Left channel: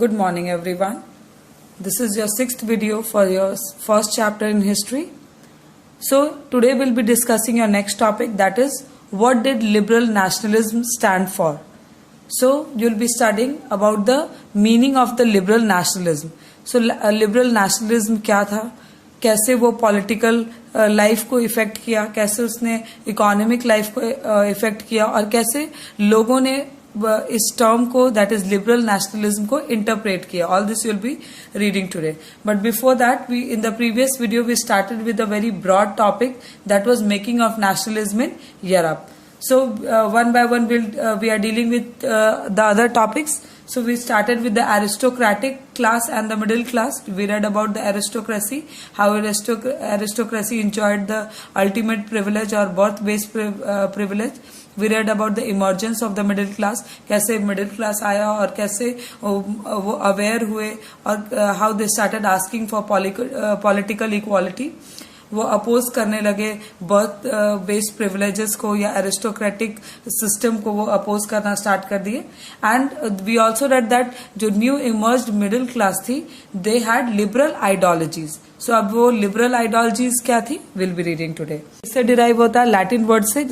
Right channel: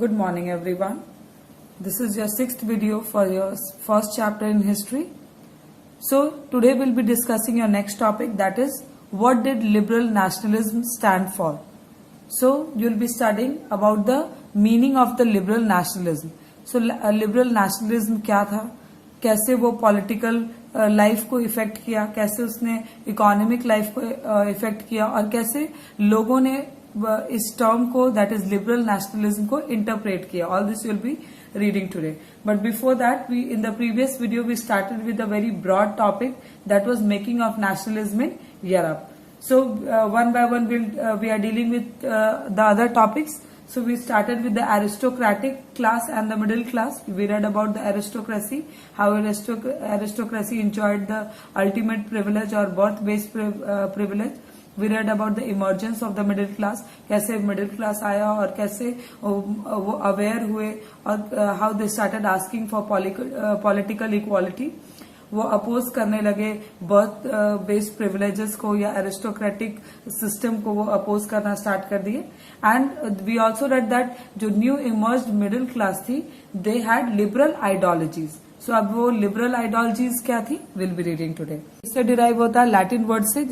Good morning everyone. This is your sixth video for your first chapter in history. So today we'll be discussing your next topic, that is what did liberal nationalism stand for. So you'll be studying about the meaning of the liberal nationalism. So liberal nationalism क्या था, कैसे वो political life को effect किया, कैसे उसने economic life को effect किया और कैसे लोगों ने इस टर्म को दैट इज लिबरल नेशनलिज्म को इंटरप्रेट किया. All this you'll be reading today. But before that we in the previous video we started with a very broad topic that was making of nationalism in Europe. So one by one we are dealing with the other topics. So we started with the aristocratic class and the middle class. We read about the aristocracy, how aristocracy enjoyed the ultimate privilege or birth-based privilege. We read about the emergence of the middle class, कैसे middle class आया और कैसे वो aware हुए और how they started asking for political equality. वो oppose करने लगे बर्थ बेस्ड प्रिविलेजेस को या एरिस्टोक्रेटिक सिस्टम को वो अपोज करना स्टार्ट कर दिए. And we also read that जो न्यू इमर्ज्ड मिडिल क्लास थी they had liberal ideologies. So अब वो लिबरल आइडियोलॉजीज क्या थी विल बी रीडिंग टुडे. इससे डिराइव होता है लैटिन वर्ड से,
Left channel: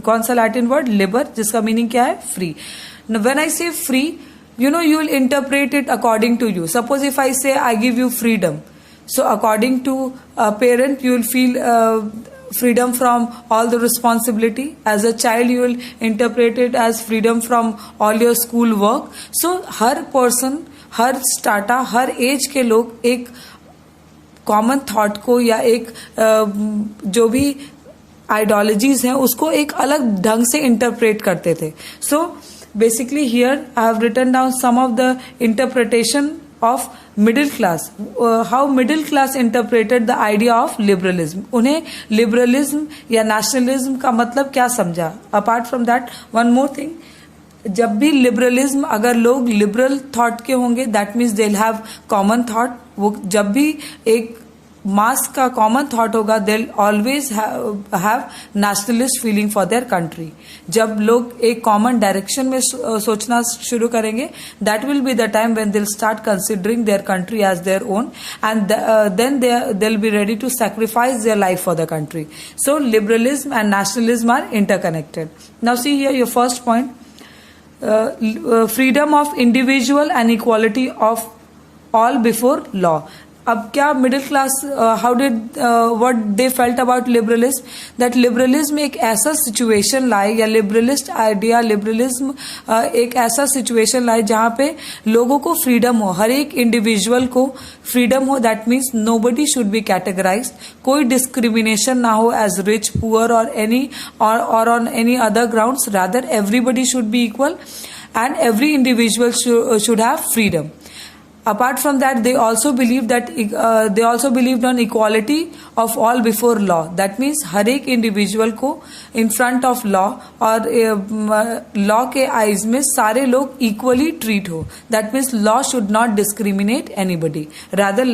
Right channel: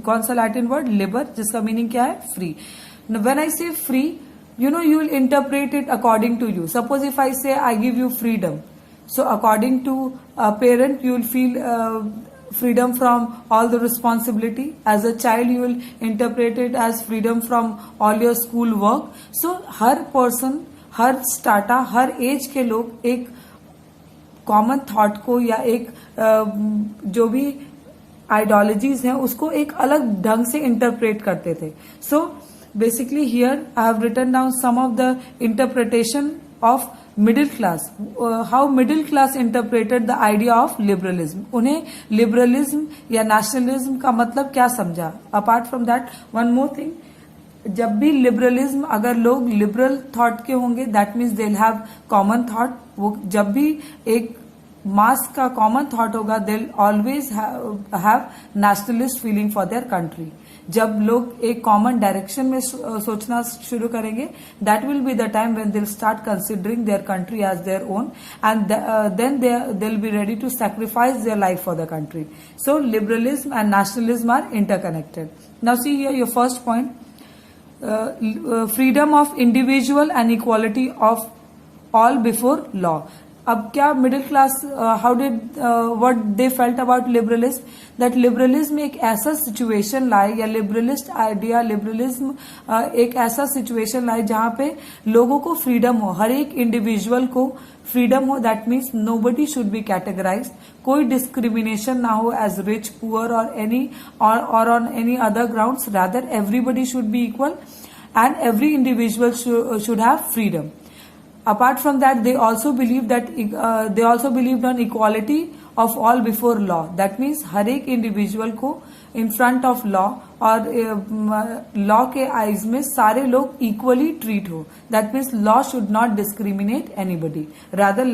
कौन सा लैटिन वर्ड, लिबर, जिसका मीनिंग क्या है, free. When I say free, you will interpret it according to you. Suppose if I say I give you freedom. So according to a parent, you will feel freedom from all the responsibility. As a child, you will interpret it as freedom from all your school work. So her person, her strata, her age के लोग एक common thought को या एक जो भी ideologies हैं उसको एक अलग ढंग से interpret करते थे. So basically here I have written down some of the interpretation of middle class, how middle class interpreted the idea of liberalism. उन्हें liberalism या nationalism का मतलब क्या समझा. Apart from that, one more thing, जब भी liberalism अगर लोग liberal thought के होंगे that means they'll have common thought. वो जब भी एक मास का कॉमन थॉट होगा they'll always have nationalist feeling for their country. जब लोग एक कॉमन डायरेक्शन में सोचना शुरू करेंगे that will be the time when they'll start considering their country as their own and then they'll be ready to sacrifice their life for the country. So liberalism and nationalism are interconnected. Now see here your first point, freedom of individual and equality of all before law. अब क्या middle class how did what they felt about liberalism, that liberalism एक ऐसा situation लाए या liberalist idea liberalism एक ऐसा situation लाए जहां पे लोगों को फ्रीडम हो, हर एक इंडिविजुअल को फ्रीडम हो. That means nobody should be categorised, कोई डिस्क्रिमिनेशन ना हो एज रिच पुअर और एनी और on any other grounds. Rather everybody should be equal and every individual should have freedom. Apart from that, they also believed on equality of all before law. That means हर एक individual को in front of law और law के eyes में सारे लोग equally treat हो. That means law should not discriminate anybody. Rather,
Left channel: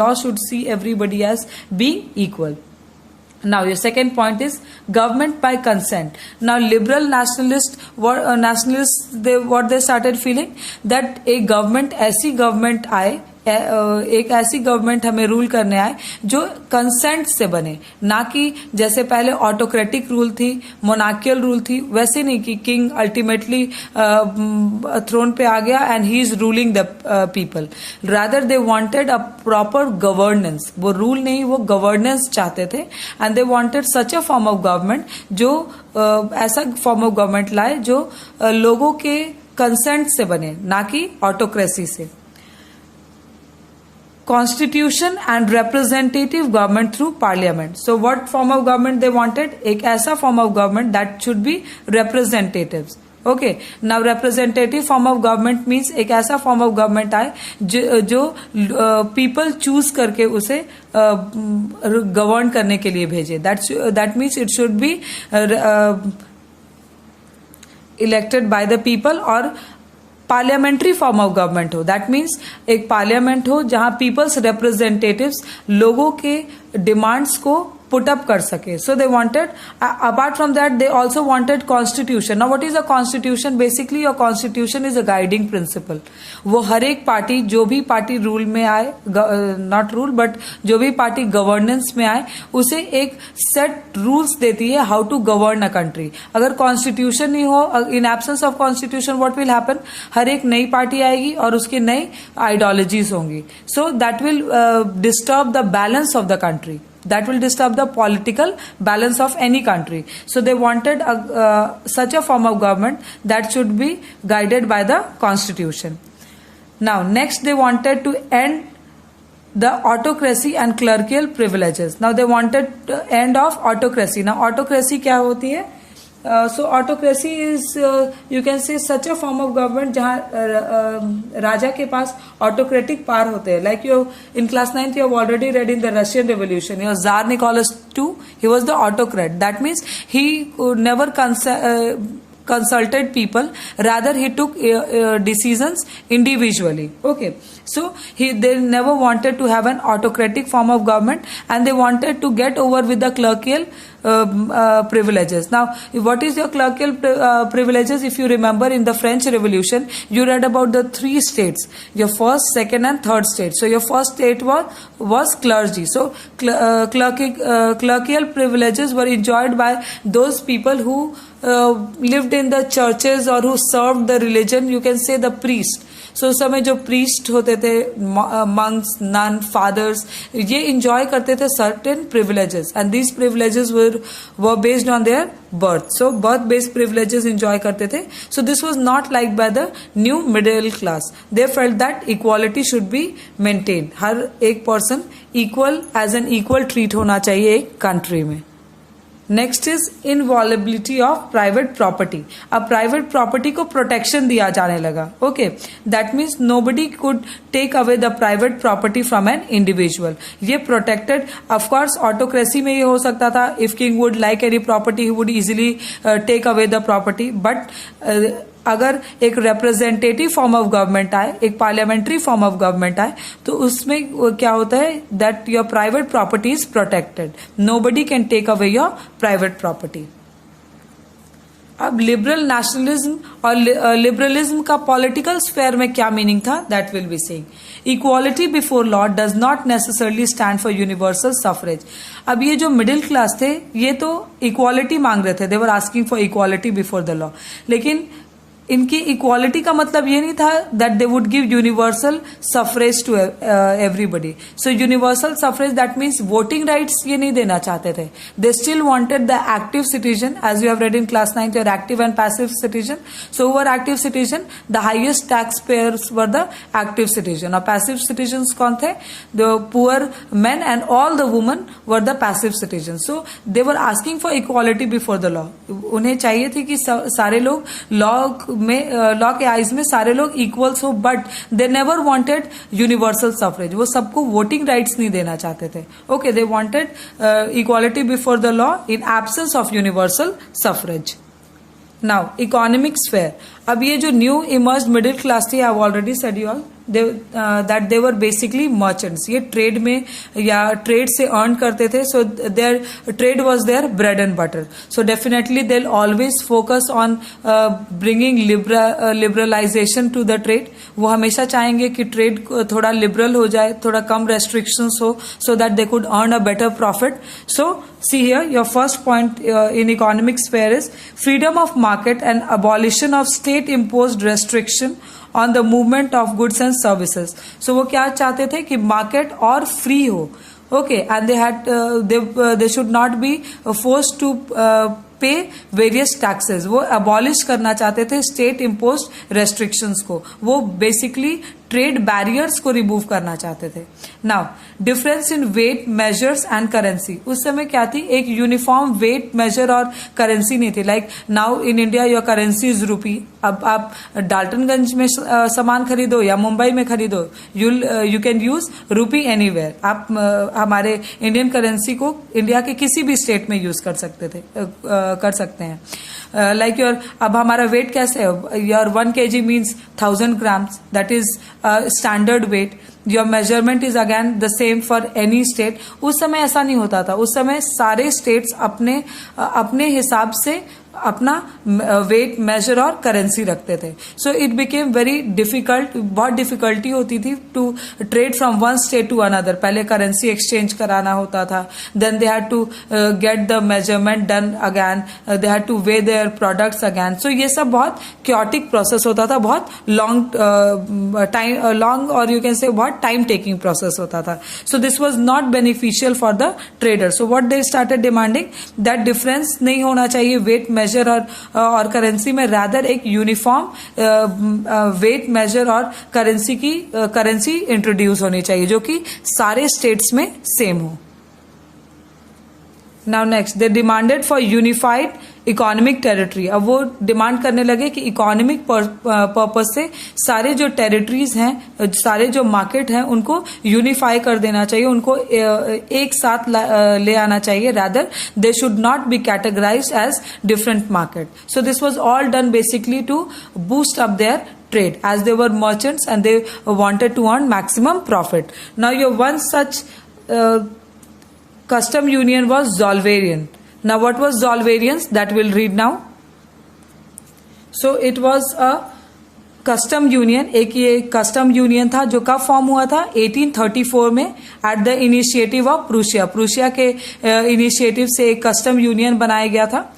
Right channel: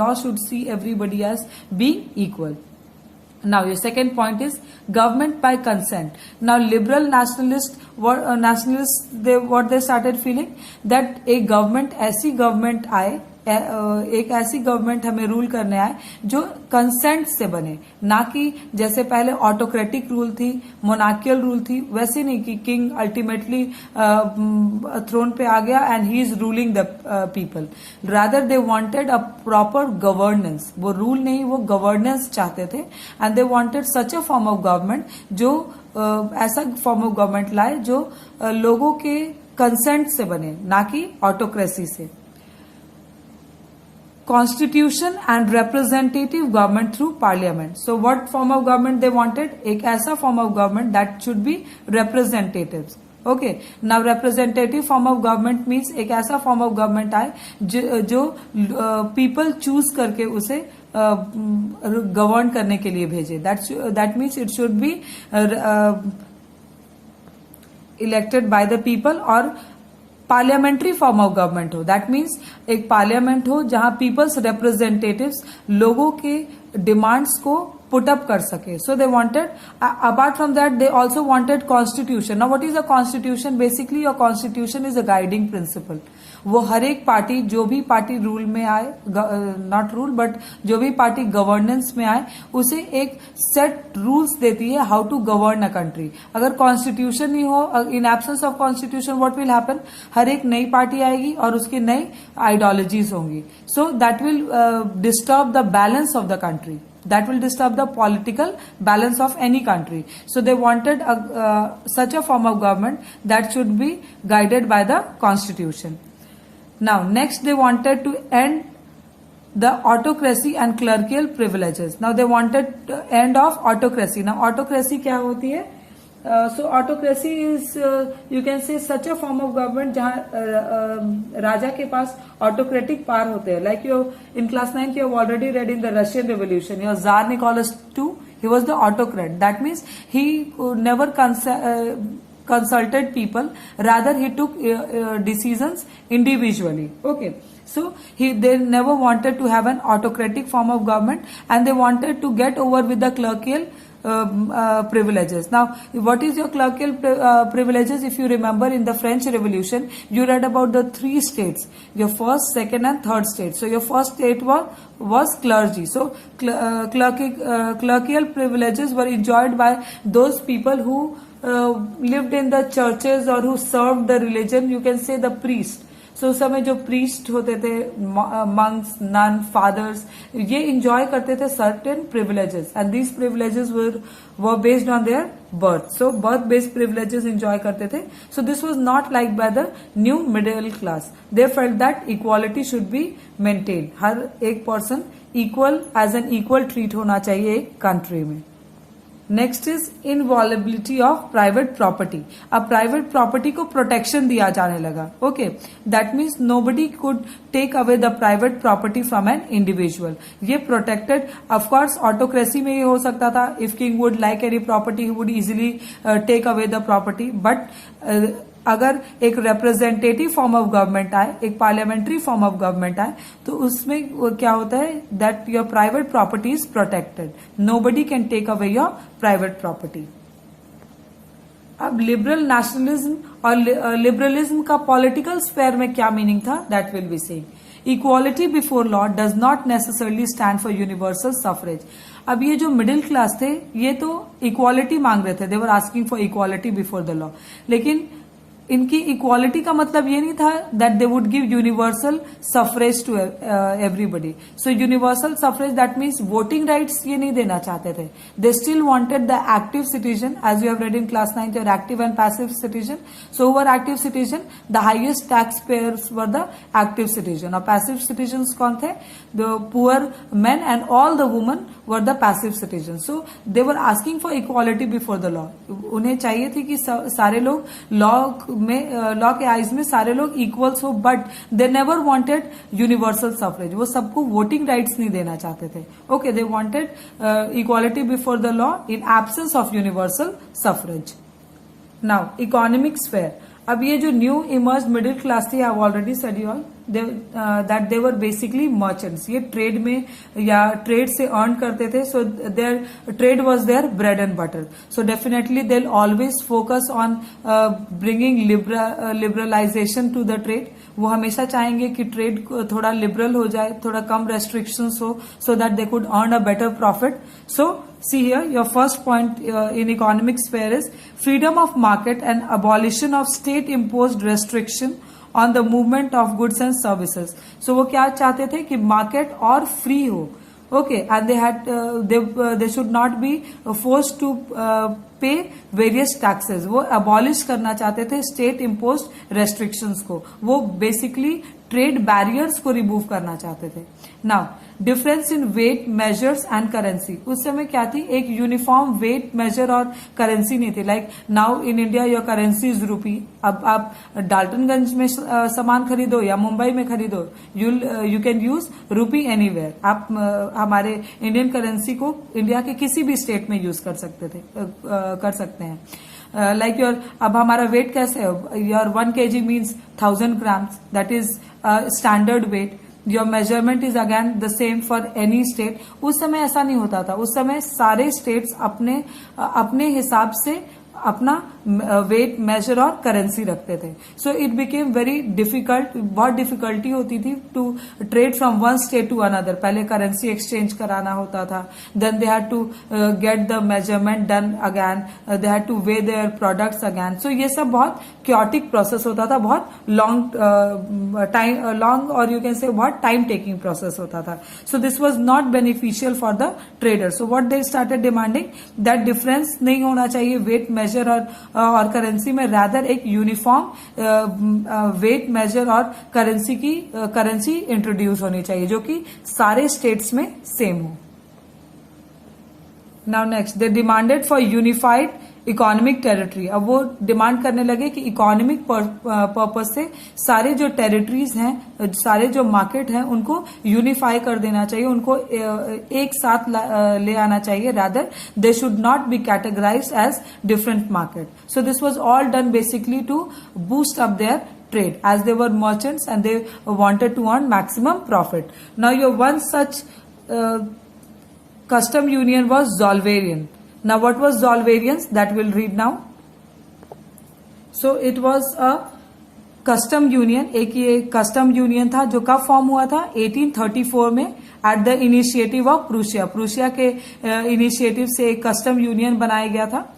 law should see everybody as being equal. Now your second point is government by consent. Now liberal nationalists what they started feeling that a government ऐसी government आए, एक ऐसी government हमें rule करने आए जो consent से बने, ना कि जैसे पहले ऑटोक्रेटिक रूल थी, मोनार्कियल रूल थी, वैसे नहीं कि किंग अल्टीमेटली थ्रोन पे आ गया and he is ruling the people. Rather they wanted a proper governance. वो रूल नहीं, वो गवर्नेंस चाहते थे and they wanted such a form of government जो ऐसा फॉर्म ऑफ गवर्नमेंट लाए जो लोगों के कंसेंट से बने, ना कि ऑटोक्रेसी से. Constitution and representative government through parliament. So what form of government they wanted? एक ऐसा form of government that should be representatives. Okay. Now representative form of government means एक ऐसा form of government आए जो people choose करके उसे govern करने के लिए भेजे. That means it should be elected by the people और पार्लियामेंट्री फॉर्म ऑफ गवर्नमेंट हो. दैट मीन्स एक पार्लियामेंट हो जहां पीपल्स रिप्रेजेंटेटिव्स लोगों के डिमांड्स को पुट अप कर सके. So they wanted, apart from that they also wanted constitution. Now what is a constitution? Basically your constitution is a guiding principle. वो हर एक पार्टी, जो भी पार्टी रूल में आए, नॉट रूल बट जो भी पार्टी गवर्नेंस में आए, उसे एक सेट रूल्स देती है how to govern a country. अगर कॉन्स्टिट्यूशन नहीं हो, in absence of constitution what will happen? हर एक नई पार्टी आएगी और उसकी नई आइडियोलॉजीज होंगी. So that will disturb the balance of the country. That will disturb the political balance of any country. So they wanted such a form of government that should be guided by the constitution. Now next they wanted to end the autocracy and clerical privileges. Now they wanted end of autocracy. Now autocracy क्या होती है? So autocracy is you can say such a form of government जहाँ राजा के पास autocratic power होते हैं. Like you in class 9th you have already read in the Russian Revolution. Your Tsar Nicholas II, he was the autocrat. That means he never consulted people, rather he took decisions individually. Okay, so they never wanted to have an autocratic form of government, and they wanted to get over with the clerical privileges. Now what is your clerical privileges? If you remember in the French Revolution you read about the 3 states, your first, second and third state. So your first state was clergy. So clerical privileges were enjoyed by those people who lived in the churches or who served the religion, you can say the priest. सो उस समय जो priest होते थे, monks, nun, fathers, ये enjoy करते थे certain privileges, and these privileges were based on their birth. So birth based privileges enjoy करते थे. So this was not like by the new middle class. They felt that equality should be maintain. हर एक person equal, as an equal treat होना चाहिए एक country में. Next is inviolability of private property. अब private property को protection दिया जाने लगा. Okay, that means nobody could take away the private property from an individual. ये प्रोटेक्टेड. ऑफकोर्स ऑटोक्रेसी में ये हो सकता था, if king would like any property he would easily take away the property. But अगर एक रिप्रेजेंटेटिव फॉर्म ऑफ गवर्नमेंट आए, एक पार्लियामेंट्री फॉर्म ऑफ गवर्नमेंट आए, तो उसमें क्या होता है that your private property is protected. Nobody can take away your private property. अब लिबरल नेशनलिज्म और लिबरलिज्म का पॉलिटिकल स्फेयर में क्या मीनिंग था, that will be saying. Equality before law does not necessarily stand for universal suffrage. अब ये जो middle class थे ये तो इक्वालिटी मांग रहे थे, they were asking for equality before the law. लेकिन इनकी इक्वालिटी का मतलब ये नहीं था that they would give universal suffrage to everybody. So universal suffrage that means voting rights ये नहीं देना चाहते थे. They still wanted the active citizen, as you have read in class 9th, your active and passive citizen. So who are active citizen? The highest tax payers were the active citizen. और passive citizen कौन थे? The poor main and all the women were the passive citizen. So they were asking for equality before the law. उन्हें चाहिए थी कि सारे लोग law के आइज में सारे लोग इक्वल्स हो, but they never wanted universal suffrage. वो सबको वोटिंग राइट्स नहीं देना चाहते थे. Okay, they wanted equality before the law in absence of universal suffrage. Now economic sphere. अब ये जो न्यू इमर्ज मिडिल क्लास थी, I have already said you all that they were basically merchants. ये trade में या trade से earn करते थे. So their trade was their bread and butter. So definitely they always focus on bringing liberalisation to the trade. वो हमेशा चाहेंगे कि ट्रेड थोड़ा लिबरल हो जाए, थोड़ा कम रेस्ट्रिक्शंस हो, so that they could earn a better profit. So see here your first point in economic sphere is freedom of market and abolition of state imposed restriction on the movement of goods and services. So वो क्या चाहते थे कि market और free हो. Okay, and they should not be forced to pay various taxes. वो abolish करना चाहते थे स्टेट इम्पोज्ड रेस्ट्रिक्शंस को. वो बेसिकली ट्रेड बैरियर्स को रिमूव करना चाहते थे. Now difference in weight measures and currency. उस समय क्या थी, एक यूनिफॉर्म वेट मेजर और करेंसी नहीं थी. Like now in India your currency is rupee. अब आप डाल्टनगंज में सामान खरीदो या मुंबई में खरीदो, यू कैन यूज रूपी एनीवेयर. आप हमारे इंडियन करेंसी को इंडिया के किसी भी स्टेट में यूज कर सकते थे. कर सकते हैं। लाइक योर, अब हमारा वेट कैसे है, your 1 kg means 1000 grams, that is standard weight. Your measurement is again the same for any state. उस समय ऐसा नहीं होता था, उस समय सारे स्टेट्स अपने हिसाब से अपना वेट, मेजर और करेंसी रखते थे। So it became very difficult, बहुत डिफिकल्टी होती थी to trade from one state to another. पहले करेंसी एक्सचेंज कराना होता था, then they had to get the measurement done again, they had to weigh their products again. So ये सब बहुत क्योटिक प्रोसेस होता था, बहुत लॉन्ग और यू कैन से बहुत टाइम टेकिंग प्रोसेस होता था। सो this was not beneficial for the trader. So what they started demanding that difference नहीं होना चाहिए वेट मेजर और करेंसी में, रादर एक यूनिफॉर्म वेट मेजर और करेंसी इंट्रोड्यूस होनी चाहिए जो कि सारे स्टेट्स में सेम हो। Now next, they demanded for unified economic territory. अब वो डिमांड करने लगे कि इकोनॉमिक पर्पज से सारे जो टेरिटरीज हैं, सारे जो मार्केट हैं, उनको यूनिफाई कर देना चाहिए, उनको एक साथ ले आना चाहिए, rather they should not be categorised as different market. So this was all done basically to boost up their trade as they were merchants and they wanted to earn maximum profit. Now your one such custom union was Zollverein. Now what was Zollverein? That we'll read now. So it was a custom union. एक ये custom union था जो कब form हुआ था, 1834 में, at the initiative of Prussia. Prussia के initiative से एक कस्टम यूनियन बनाया गया था।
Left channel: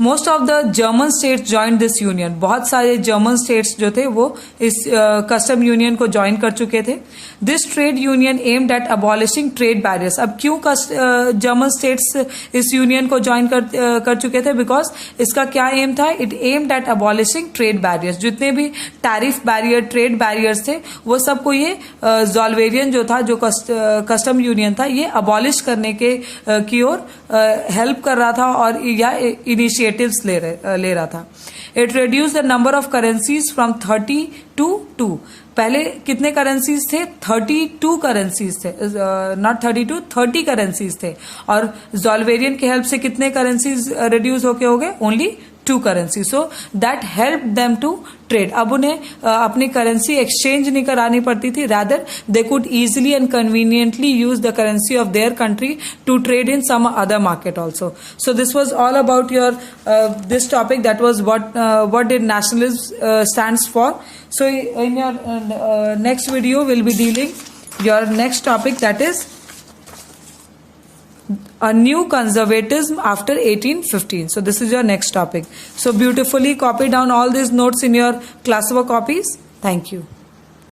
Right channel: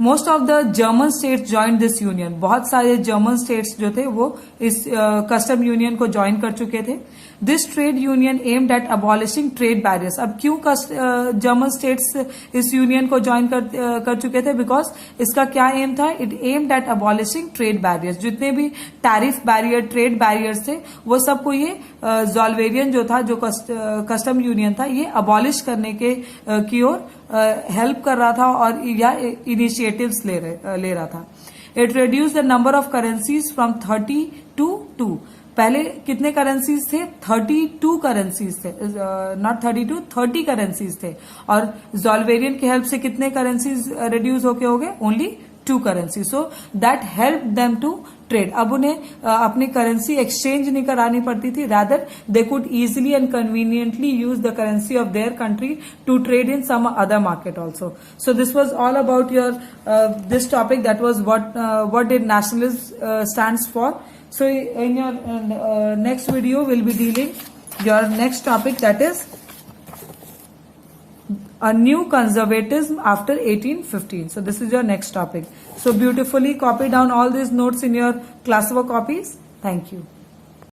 Most of the German states join this union. बहुत सारे जर्मन स्टेट्स जो थे वो इस कस्टम यूनियन को ज्वाइन कर चुके थे। This trade union aimed at abolishing trade barriers. अब क्यों जर्मन स्टेट्स इस यूनियन को ज्वाइन कर चुके थे, बिकॉज इसका क्या एम था, it aimed at abolishing trade barriers. जितने भी टैरिफ बैरियर, ट्रेड बैरियर्स थे, वो सबको ये ज़ॉल्वेरियन जो था, जो कस्टम यूनियन था, ये अबॉलिश करने की ओर हेल्प कर रहा था और या इनिशिएटिव्स ले रहा था। It reduce the number of currencies from 30 to 2। पहले कितने करेंसीज थे, 32 करेंसीज थे, नॉट 32, 30 करेंसीज थे। और ज़ॉल्वेरियन की हेल्प से कितने करेंसीज रिड्यूस होके हो गए, only 2 currency. So that help them to trade. अब उन्हें अपनी करेंसी एक्सचेंज नहीं करानी पड़ती थी, rather they could easily and conveniently use the currency of their country to trade in some other market also. So this was all about your this topic, that was what did nationalism stands for. So in your next video we'll be dealing your next topic, that is a new conservatism after 1815. So this is your next topic. So beautifully copy down all these notes in your classwork copies. Thank you.